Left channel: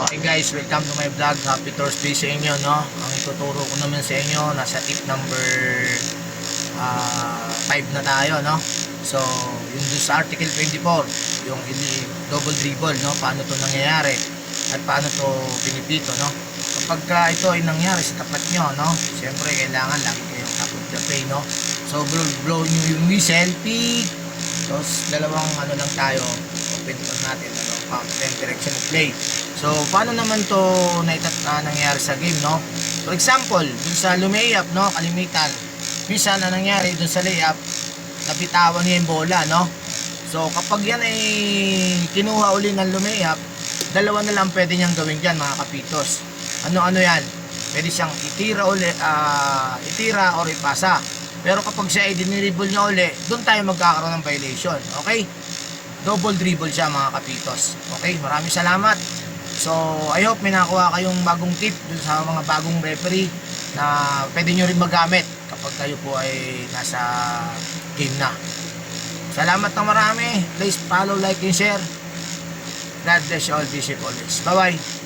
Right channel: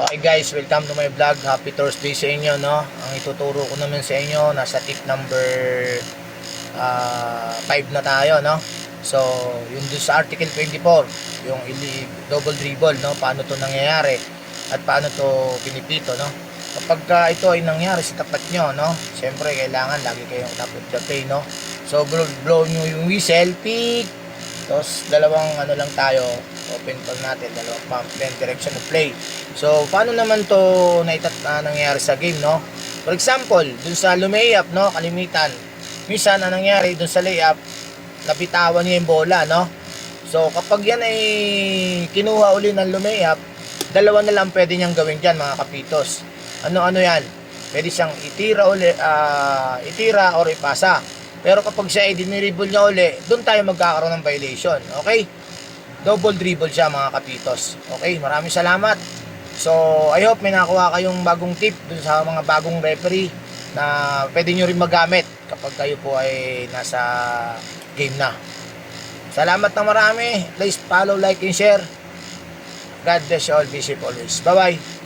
Okay guys, welcome to my vlog. Happy Thursday sa inyo, no? Ang ituturo ko naman sa inyo, nasa tip number 5 na tayo, no? So, yung doon sa article 24, yung double dribble, no? Paano to nangyayari at paano to pinipito, no? Kapag ito ay nangyari sa tapat nyo, no? Siyempre, kailangan lagi kayong top of the play, no? So, blow nyo yung whistle, peak. Tapos, dalawang ano lang tayo, open call natin, dalawang pump, then direction of play. So, paano naman to nangyayari sa game, no? For example, dun sa lumayap, no? Kalimitan. Minsan, ang nangyari dun sa layup, nabitawan niya yung bola, no? So, kapag yan ay kinuha uli ng lumayap, dalawa na lang pwede niyang gawin dyan, mga kapitos. Ano-ano yan? Pwede siyang itira uli, itira or ipasa. Pero kapag siya ay diniribble niya uli, doon tayo magkakaroon ng violation. Okay? Double dribble siya, mga kapitos. Okay? Maraming salamat. So, I hope may nakuha kayong bagong tip dun sa mga bagong referee na pwede nyo rin magamit kapag kayo po ay nasa game na. Salamat na marami. Please follow, like, and share. God bless you all. Be safe always. Bye-bye.